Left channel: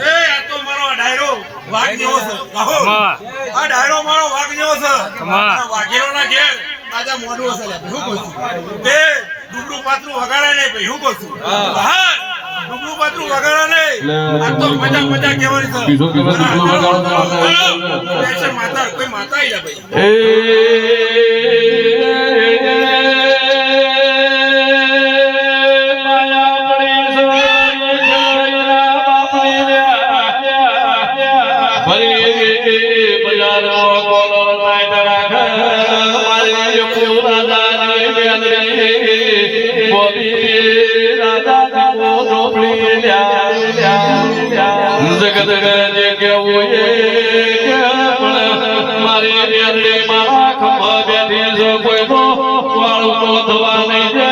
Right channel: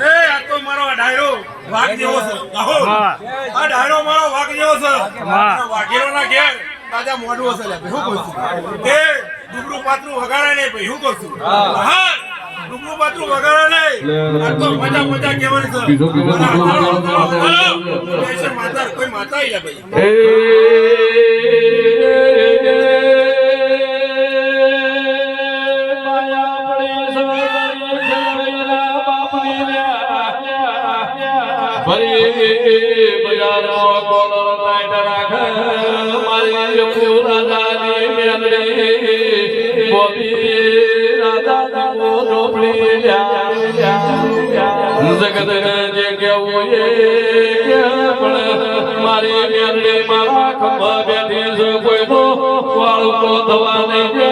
એ આ તો મારો ડાયરો વાઘ જેવો છે. આ ડાયરો મારો વાઘ જેવો છે ઘેર તાજા મોઢું હશે શું કહું છું તે ડુબરું પાતરું વગાડે નહીં ભાઈ શું કહું છું હા ડુબરું પાતરું વગાડે નહીં આ તો મજા મજા કહેવાની છે માતા કોઈ માતા ભાઈ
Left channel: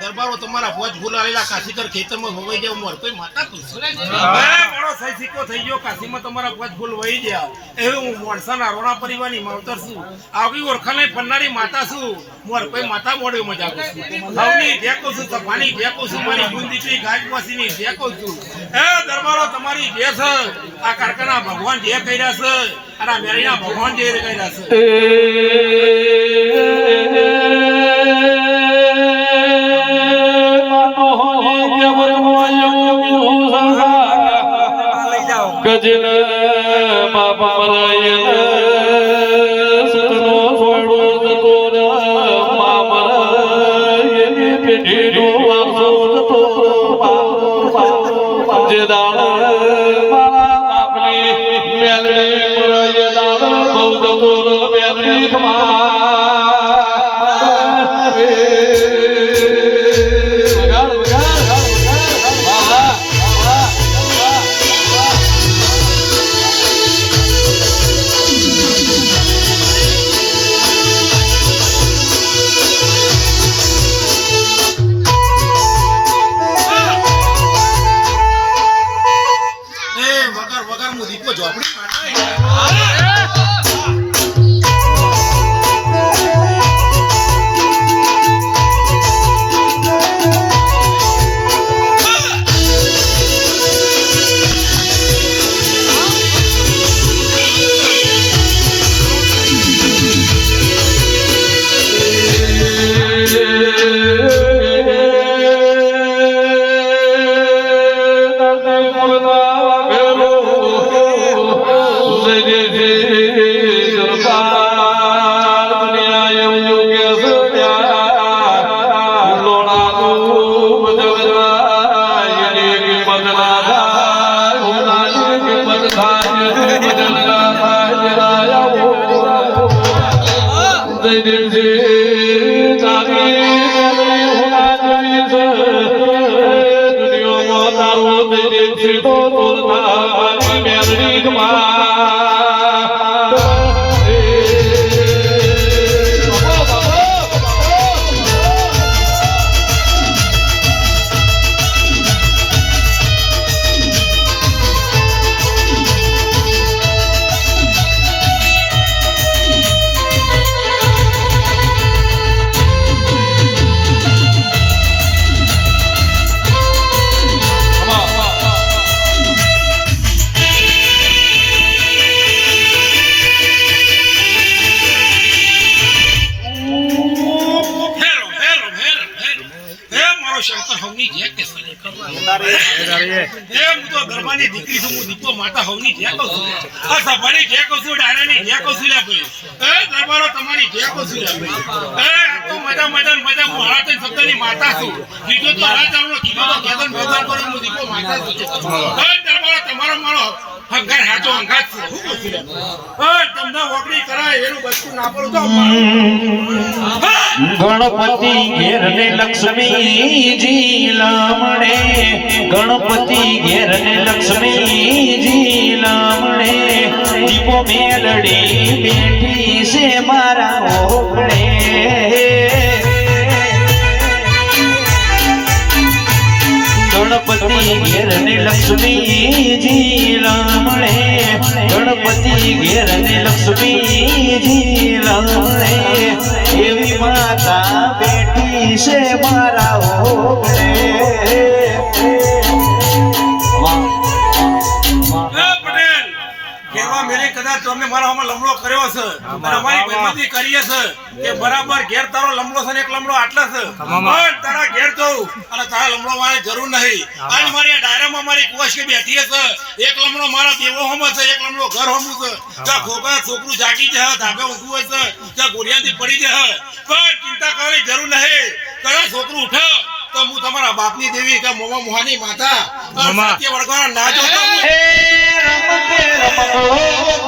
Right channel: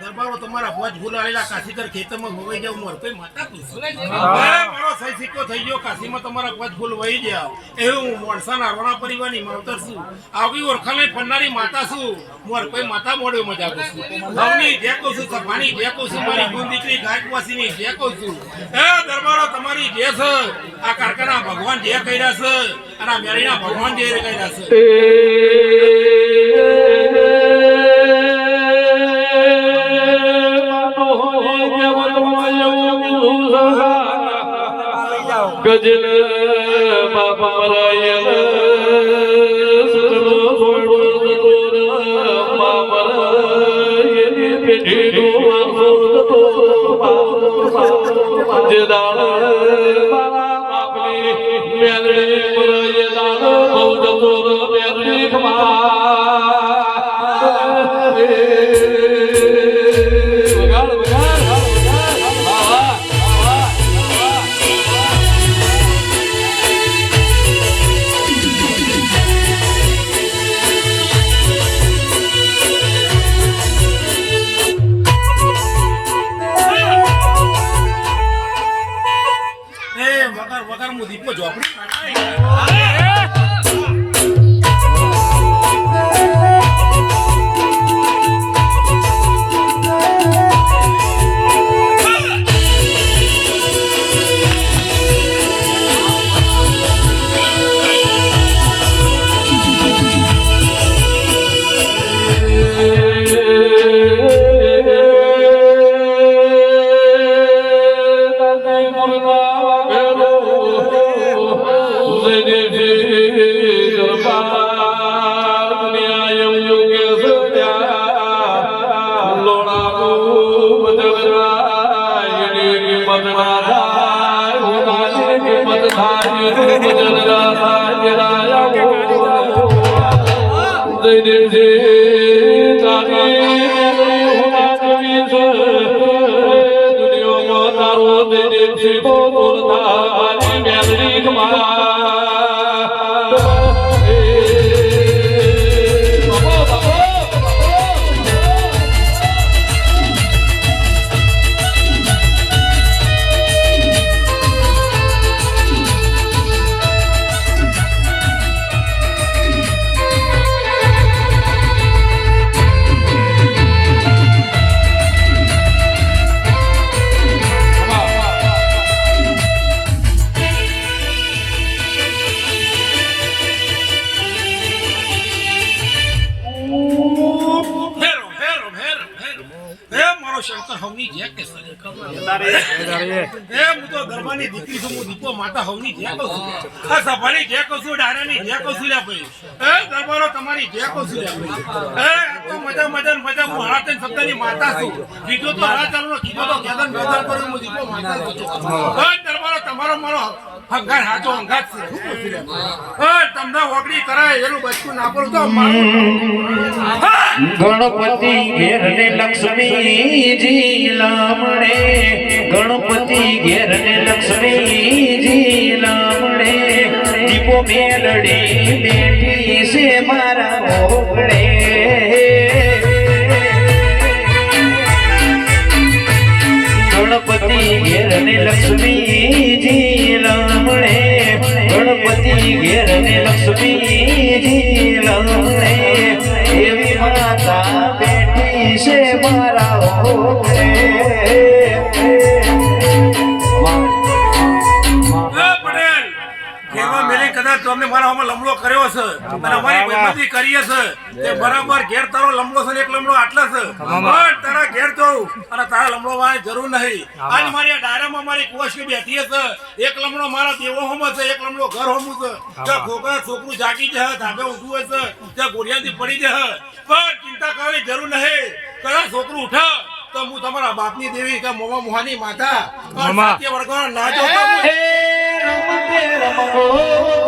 દરબારો તમારા ભોજ ભૂલાયેલા કાશીકર ખેતરમાં હોવાઈ જાવ મોર કોઈ માતા તું મારો સહી સિક્કો થઈ ગયો કાશીમાં તમારા ભોજ ભૂલ વહી ગયા. એવું હું મોણસાના રોણા પરિવારની માવતર છું. આવી ઓળખાણે ફરનારી માતા છું. મોર કોઈ માતા મોડ્યો મજા કરું છું. હવની ઢેકો છું સફાની ઢેકો છું મારી ગુણ દીકરી ગાજવાસીની કહું છું. એ દરબારો તમારી જે છે આ કારખાના ભગવાન જે કર્યા છે અને આ મેરીના ભગવાન જે કર્યા છે. ગજન બાપા મરાયન સતનો છોડો જતો રે બાપા મરાયન પેઢીનો વારસો જતો જે દાળ મારા બાપની મેલડી મરાય દાળ બહુ જતો મેલડી ખમા હેરો તમારી જે કહું છું લે ભાઈ. એ તો મજા મજા મજા, હું હાથન શબ્દની દીપો માતા તમારો મારો તમને હોકડી કરાય એનું બચકું ના પડું ગણપતિ ઘેર ને લક્ષ્મીજી લામણે ગણપતિ ઘેર ને લક્ષ્મીજી લામણે દીપો મેલડી બેઠી છે મારા મોકળે ગણપતિ ઘેર ને લક્ષ્મીજી લામણે ગણપતિ ઘેર ને લક્ષ્મીજી લમણે એવી માતા બેઠી છે મારા ઓગણે કદાચ તમે મારા અમે લમડો કર્યો છે. અને અમારી ભાઈબંધી કરીએ છે કે બરાબર. ઘેર તારો લમડો છે ને એક લમડો આટલા છે. પણ તારા ઘેર જવું અને તારા લમડો મારે જરૂર નહીં. આજ મારી આ ડાયરામાં મારી કુવાશી બેઠી છે. એક લમડો મારા દેવો હોમ છે એક લમડો ઘર હોમ છે. ત્યાં ખોખા છોકરું જાગી જાય ધાબે ઊંઘું હશે છે ત્યાં ગોળિયાથી પડી જાય પણ ચિંતા કરવાની જરૂર નહીં. કદાચ છોકરું ઉઠે તો હું તમારા બાપની દેવી કે મોમા મોહાની માતા. સત્ય વળગવાના ના જોતા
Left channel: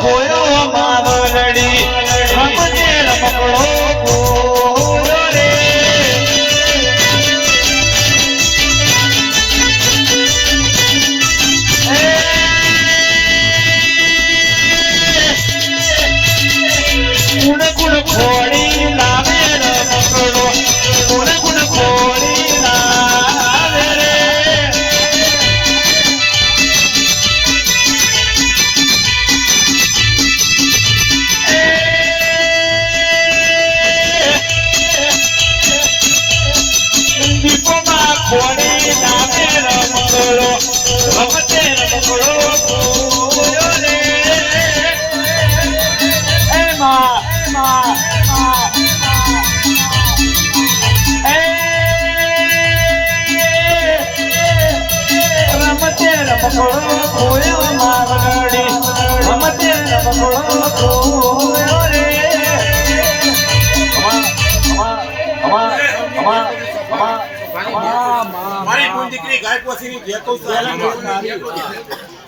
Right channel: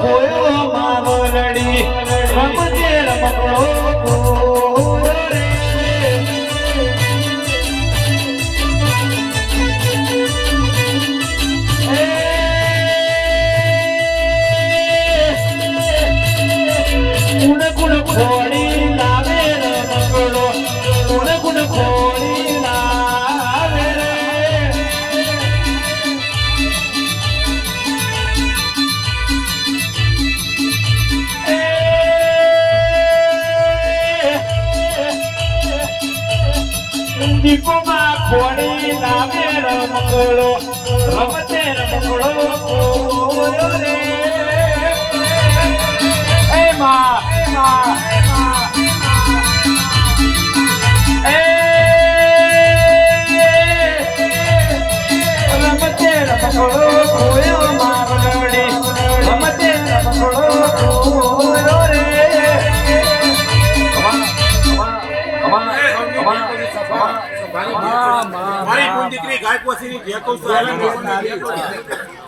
કોયો માવડી રમજે રમકડો. હું મારી કુન દીકરી ગાય પોસીની જે કહું છું એને મેમોની જે કહું છું.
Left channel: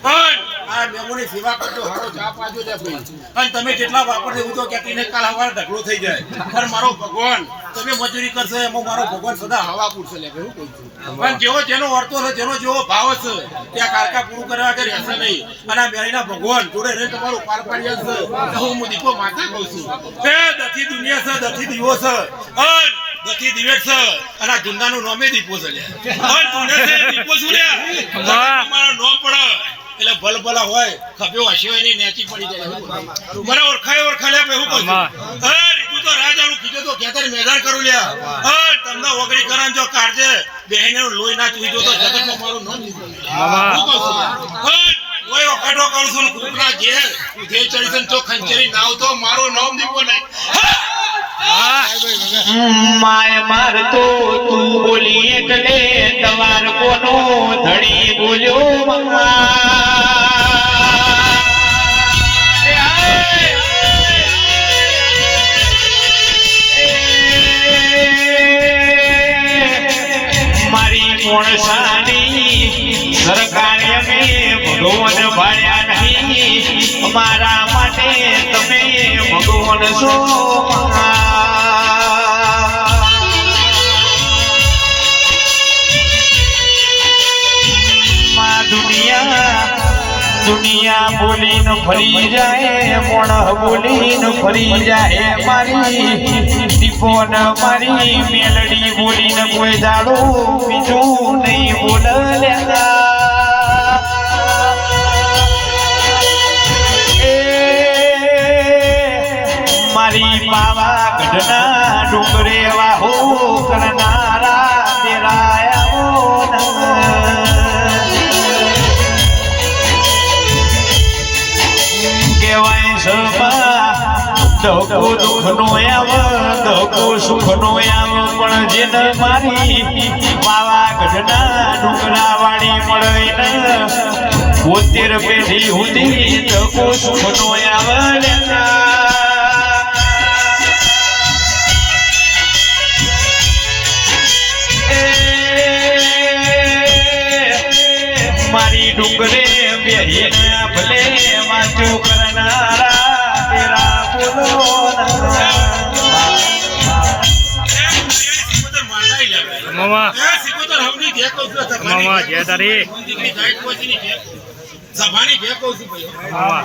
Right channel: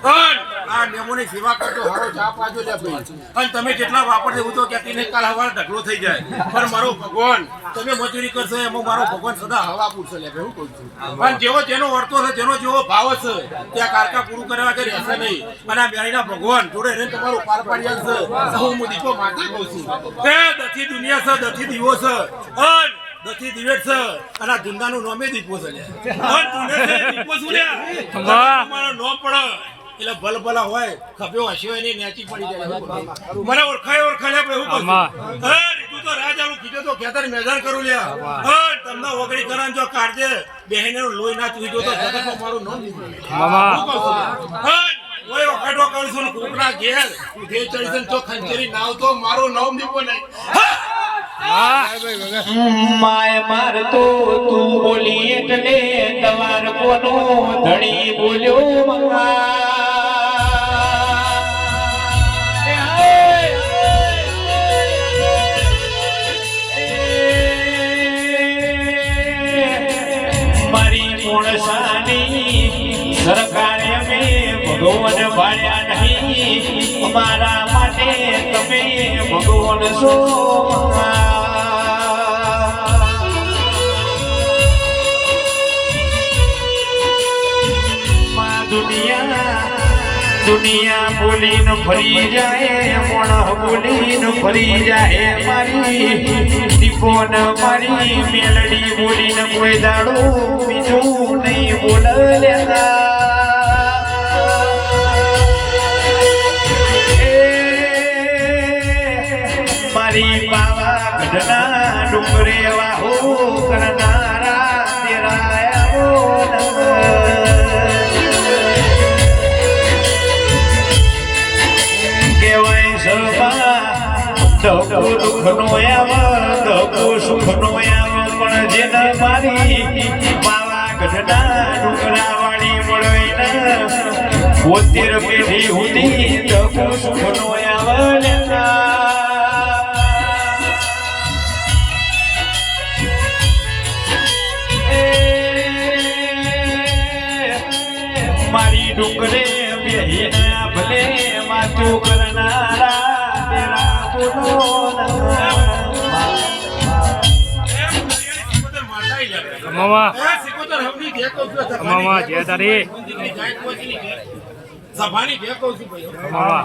પણ આ મેમોની સેવા કરતો હારો ચા પાજો લે ભાઈ અને તમે જેટલા વાપરશે એવું તો ક્યાંક કાલ હવારે ઢગલો થઈ જાય. પણ મારો ભગવાન તમે મજૂરી કરશો એમાં મારો ભગવાન સદા હવા પૂરશે લે હું કહું છું. પણ જેવો જેનો વર્તો છે જેનો જેવો ભાવ છે ત્યાં કારકા પૂરું કરવા કે રહેશે નહીં. અને આ બેયના ભગવાન જોડે રહીને તમારું પાર પાડી છે. હું દીપો માતા કહું છું. દથી દુનિયા છે દથી દીવો છે. અને દથી દિવેટ છે. અને આ જુંદાનું નોમે દીપો છે લે અને તું છે દીપો છું લે તમારો નોમ પડે. એટલે ભલ ભલા હોય ખબ્યો હસ્યો એની નેચી પડી જાય. મને ઓળખાય ઓળખાય લે કહું અરે રીતું તો રાજાનું કીધું તો ખેતર મેદાન કરું લ્યા. અરે તમને ઓગળી કરાન જો કાઢજે. બેહીને લોહી ના ચૂઈ જો તો જગતમાં મારું નામ લીધું મામા હું કહું છું અરે ઓય કરું છું ને ઘેર. ઉધે ચડી તો ખંચેરી નાવ તો મારું નામ દીપો નહીં. માય મારતો તું બોલી એટલે તમાર કોનો ધણી બોલ્યો મમ્મા. મારી મોણસાની સરકારે અમે ભગવાન ભાડ્યા નહીં. અમારા માટે તમે ભગવાન છો દુનિયા બોલીને ફરી જાય, પણ બોલીને ફરી જાય મારી. દીપોન મારી, મેલડી બોલીને કોઈ દાડો બીજું નહીં બોલલ્યા સભા ધકો દુઃખનો આવ ધકો સુખનો આવ પણ જેન મારી બાવા ગઢના ડુંગરા વાળી મળે ને. પોતેર પેઢી સુધી ધકો સુખનો આવ મામા. મામા જય તારી. સભાની જે કહું છું ભાઈ મામા.